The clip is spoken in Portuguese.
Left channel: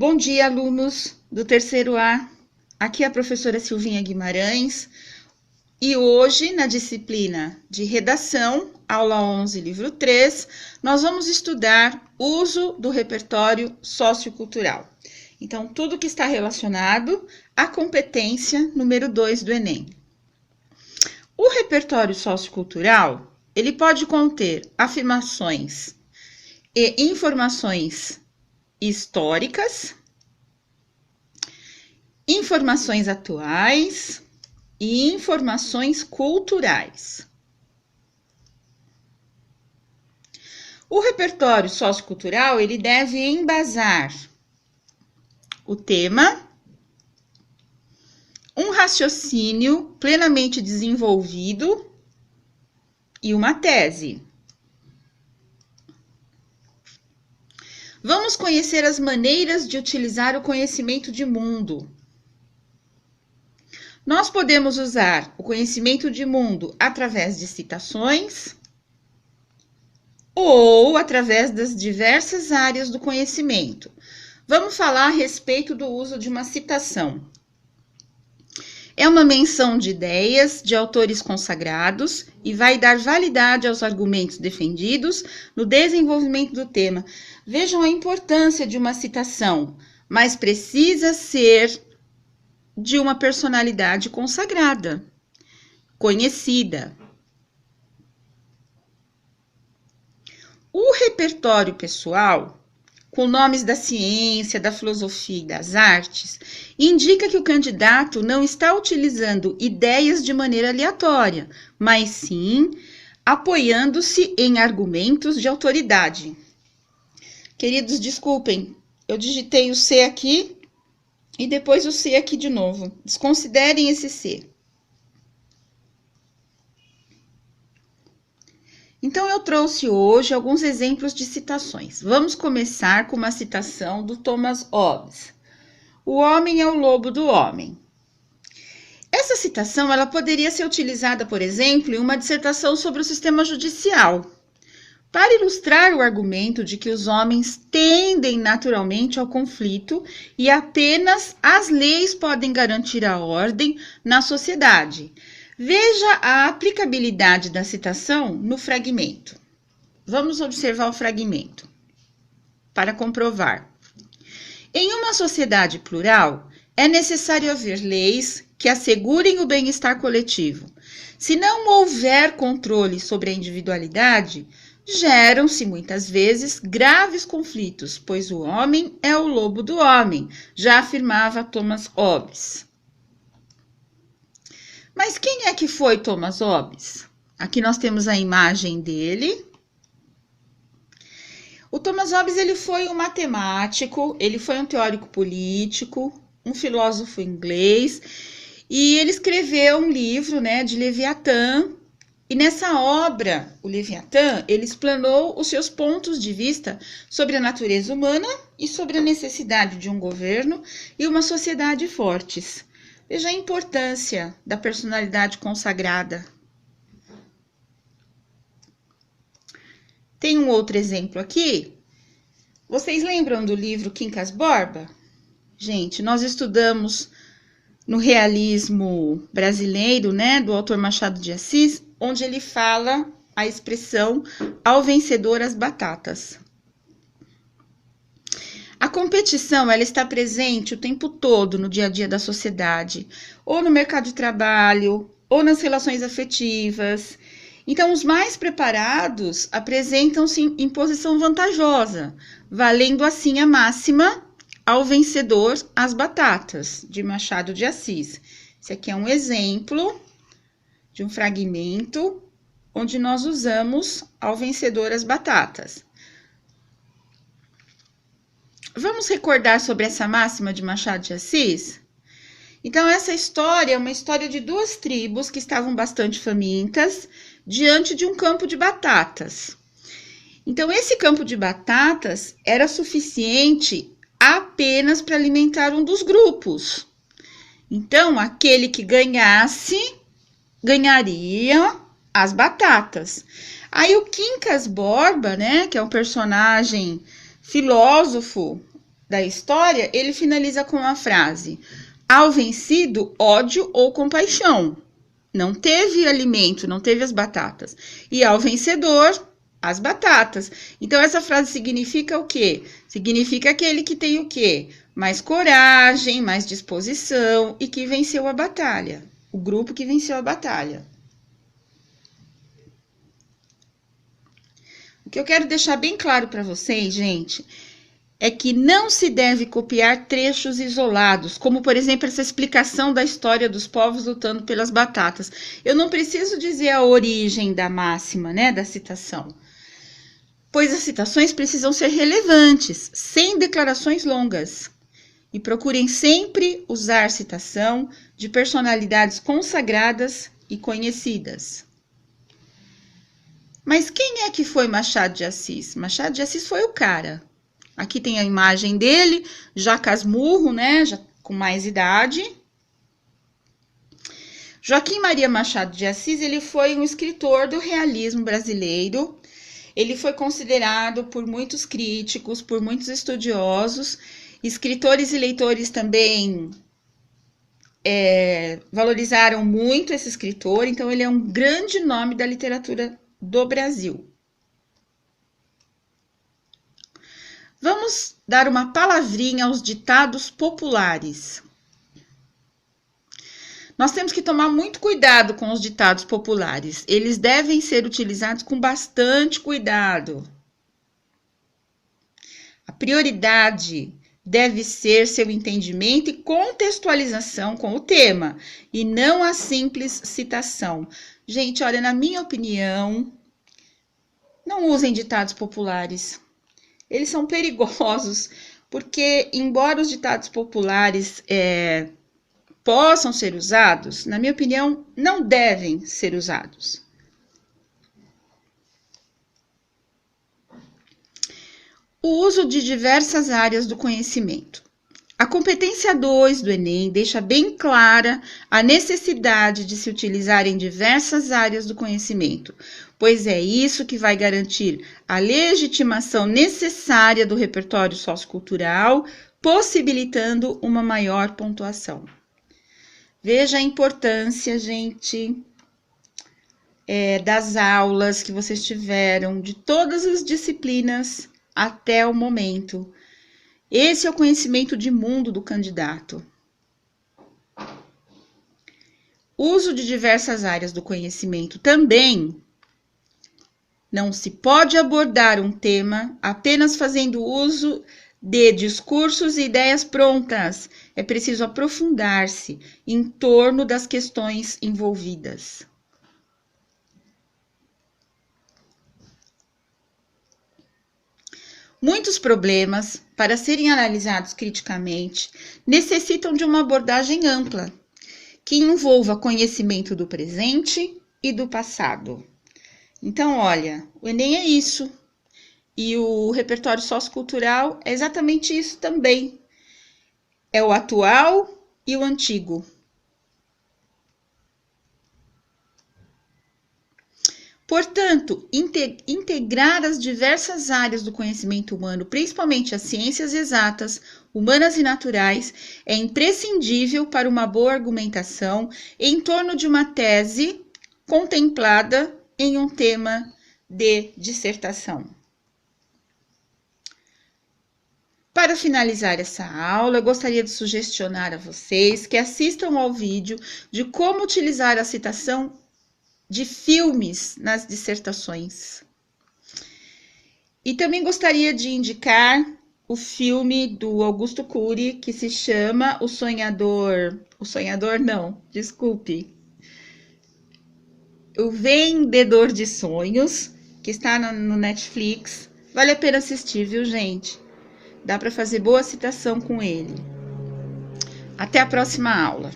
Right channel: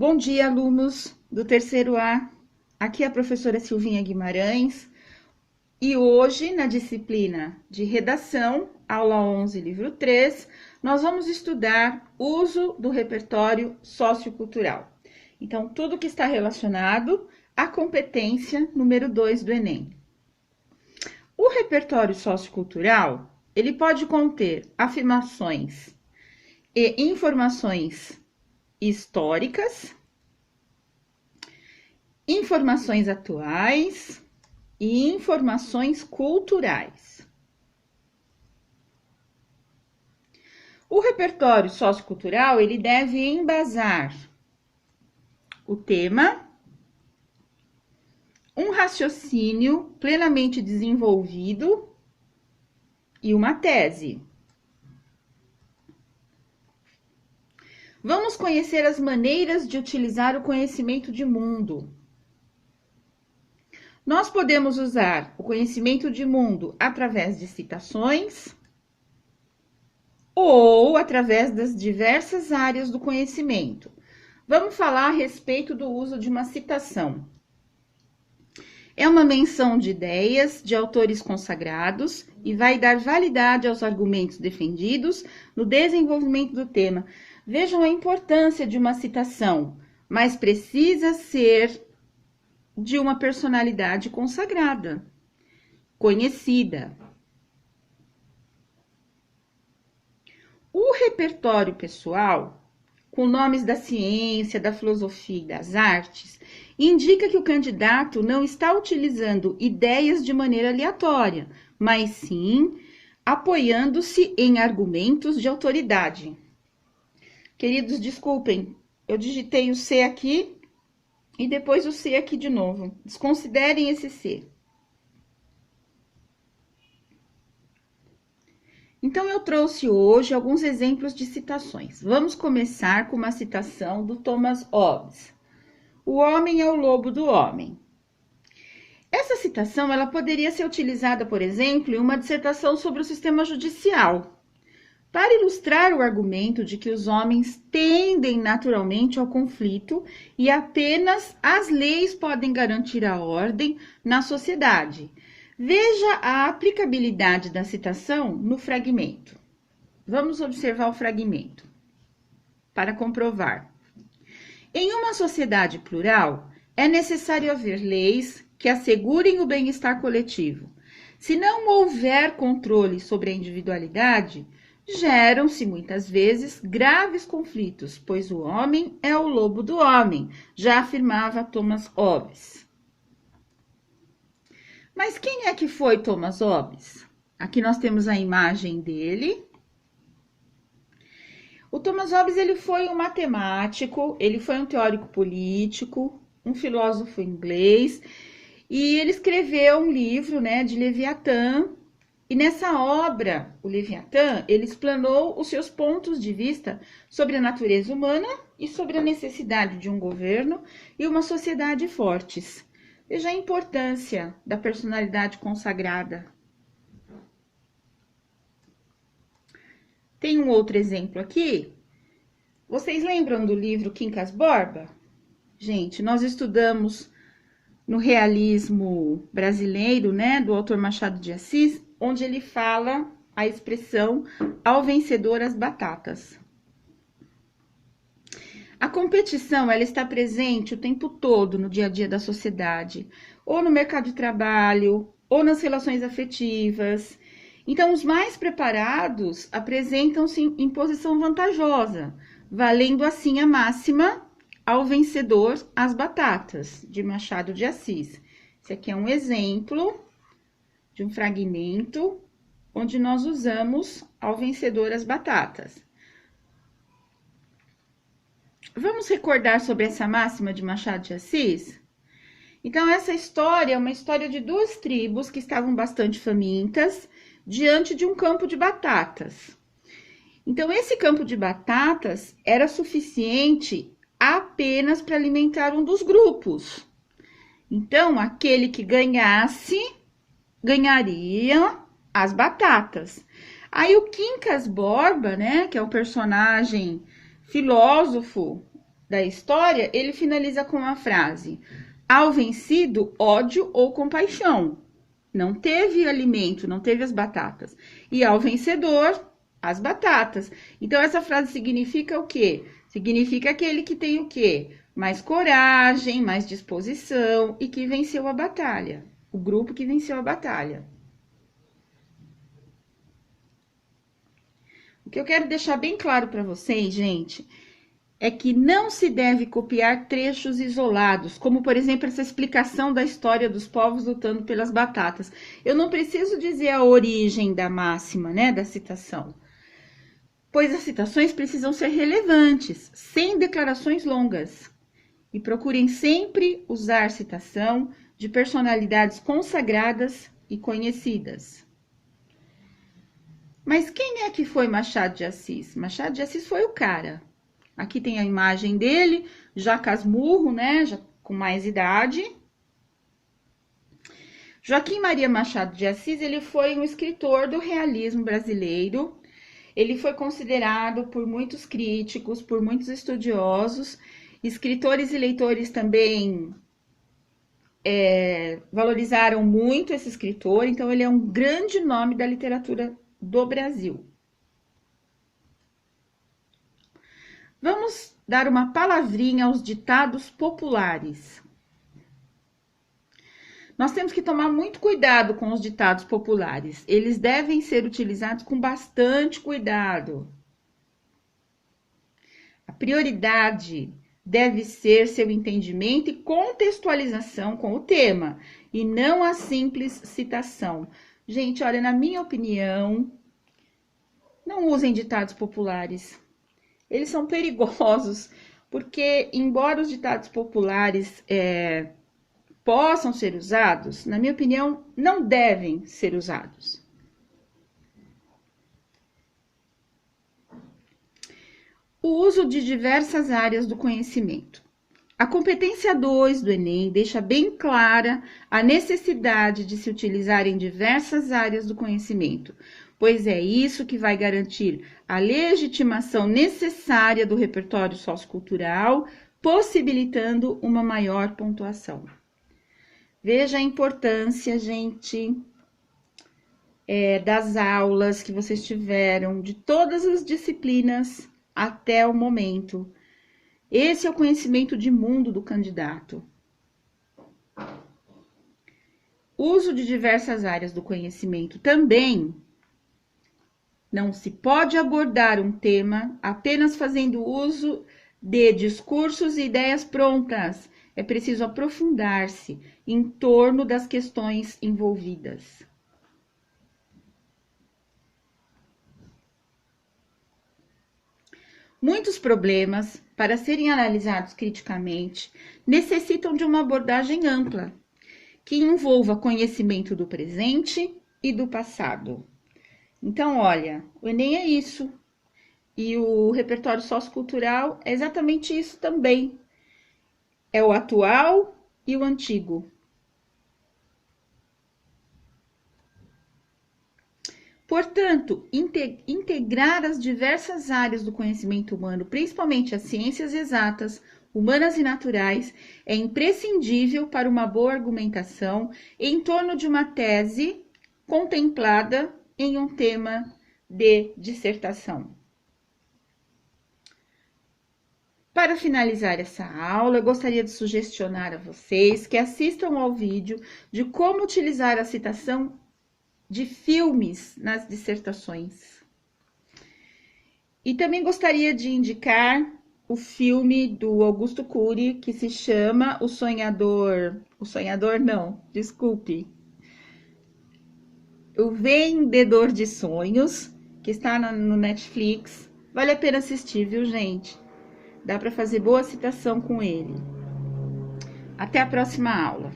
Bom dia, alunos do terceiro A. Aqui é a professora Silvinha Guimarães e hoje, na disciplina de redação, aula 11, livro 3, nós vamos estudar uso do repertório sociocultural. Então, tudo que está relacionado à competência número 2 do Enem. O repertório sociocultural, ele pode conter afirmações e informações históricas, informações atuais e informações culturais. O repertório sociocultural, ele deve embasar o tema, um raciocínio plenamente desenvolvido e uma tese. Vamos conhecer as maneiras de utilizar o conhecimento de mundo. Nós podemos usar o conhecimento de mundo através de citações ou através das diversas áreas do conhecimento. Vamos falar a respeito do uso de uma citação. É uma menção de ideias de autores consagrados e vai dar validade aos argumentos defendidos no desenvolvimento do tema. Vejam a importância de uma citação, mas precisa ser de uma personalidade consagrada, conhecida. O repertório pessoal, com nomes da ciência, da filosofia e das artes, indica que o candidato não está utilizando ideias de maneira aleatória, mas sim apoiando-se em argumentos de autoridade. Queridos, desculpem, eu digitei o C aqui e depois o C aqui de novo. Desconsiderem esse C. Então, eu trouxe hoje alguns exemplos de citações. Vamos começar com uma citação do Thomas Hobbes. O homem é o lobo do homem. Essa citação, ela poderia ser utilizada, por exemplo, em uma dissertação sobre o sistema judicial, para ilustrar o argumento de que os homens tendem naturalmente ao conflito e apenas as leis podem garantir a ordem na sociedade. Veja a aplicabilidade da citação no fragmento. Vamos observar o fragmento para comprovar. Em uma sociedade plural, é necessário haver leis que assegurem o bem-estar coletivo. Se não houver controle sobre a individualidade, geram-se muitas vezes graves conflitos, pois o homem é o lobo do homem, já afirmava Thomas Hobbes. Mas quem é que foi Thomas Hobbes? Aqui nós temos a imagem dele. O Thomas Hobbes, ele foi um matemático, ele foi um teórico político, um filósofo inglês, e ele escreveu um livro, de Leviatã, e nessa obra, o Leviatã, ele explanou os seus pontos de vista sobre a natureza humana e sobre a necessidade de um governo e uma sociedade fortes. Veja a importância da personalidade consagrada. Tem um outro exemplo aqui. Vocês lembram do livro Quincas Borba? Gente, nós estudamos no realismo brasileiro, do autor Machado de Assis, onde ele fala a expressão ao vencedor as batatas. A competição, ela está presente o tempo todo no dia a dia da sociedade, ou no mercado de trabalho, ou nas relações afetivas. Então, os mais preparados apresentam-se em posição vantajosa, valendo assim a máxima ao vencedor as batatas, de Machado de Assis. Esse aqui é um exemplo de um fragmento onde nós usamos ao vencedor as batatas. Vamos recordar sobre essa máxima de Machado de Assis? Então, essa história é uma história de duas tribos que estavam bastante famintas diante de um campo de batatas. Então, esse campo de batatas era suficiente apenas para alimentar um dos grupos. Então, aquele que ganhasse, ganharia as batatas. Aí, o Quincas Borba, que é um personagem filósofo da história, ele finaliza com a frase: ao vencido, ódio ou compaixão. Não teve alimento, não teve as batatas. E ao vencedor, as batatas. Então, essa frase significa o quê? Significa aquele que tem o quê? Mais coragem, mais disposição e que venceu a batalha. O grupo que venceu a batalha. O que eu quero deixar bem claro para vocês, gente, é que não se deve copiar trechos isolados, como, por exemplo, essa explicação da história dos povos lutando pelas batatas. Eu não preciso dizer a origem da máxima, né, da citação, pois as citações precisam ser relevantes, sem declarações longas. E procurem sempre usar citação de personalidades consagradas e conhecidas. Mas quem é que foi Machado de Assis? Machado de Assis foi o cara. Aqui tem a imagem dele, já casmurro, né? Já com mais idade. Joaquim Maria Machado de Assis, ele foi um escritor do realismo brasileiro. Ele foi considerado por muitos críticos, por muitos estudiosos, escritores e leitores também valorizaram muito esse escritor. Então, ele é um grande nome da literatura do Brasil. Vamos dar uma palavrinha aos ditados populares. Nós temos que tomar muito cuidado com os ditados populares. Eles devem ser utilizados com bastante cuidado. A prioridade deve ser seu entendimento e contextualização com o tema, e não a simples citação. Gente, olha, na minha opinião, não usem ditados populares. Eles são perigosos, porque, embora os ditados populares possam ser usados, na minha opinião, não devem ser usados. O uso de diversas áreas do conhecimento. A competência 2 do Enem deixa bem clara a necessidade de se utilizar em diversas áreas do conhecimento, pois é isso que vai garantir a legitimação necessária do repertório sociocultural, possibilitando uma maior pontuação. Veja a importância, gente, das aulas que vocês tiveram, de todas as disciplinas até o momento. Esse é o conhecimento de mundo do candidato. Uso de diversas áreas do conhecimento também. Não se pode abordar um tema apenas fazendo uso de discursos e ideias prontas. É preciso aprofundar-se em torno das questões envolvidas. Muitos problemas, para serem analisados criticamente, necessitam de uma abordagem ampla, que envolva conhecimento do presente e do passado. Então, olha, o Enem é isso. E o repertório sociocultural é exatamente isso também. É o atual e o antigo. Portanto, integrar as diversas áreas do conhecimento humano, principalmente as ciências exatas, humanas e naturais, é imprescindível para uma boa argumentação em torno de uma tese contemplada em um tema de dissertação. Para finalizar essa aula, eu gostaria de sugestionar a vocês que assistam ao vídeo de como utilizar a citação de filmes nas dissertações. E também gostaria de indicar o filme do Augusto Cury, que se chama O Vendedor de Sonhos, que está no Netflix. Vale a pena assistir, viu, gente? Dá para fazer boa citação com ele. Até a próxima aula.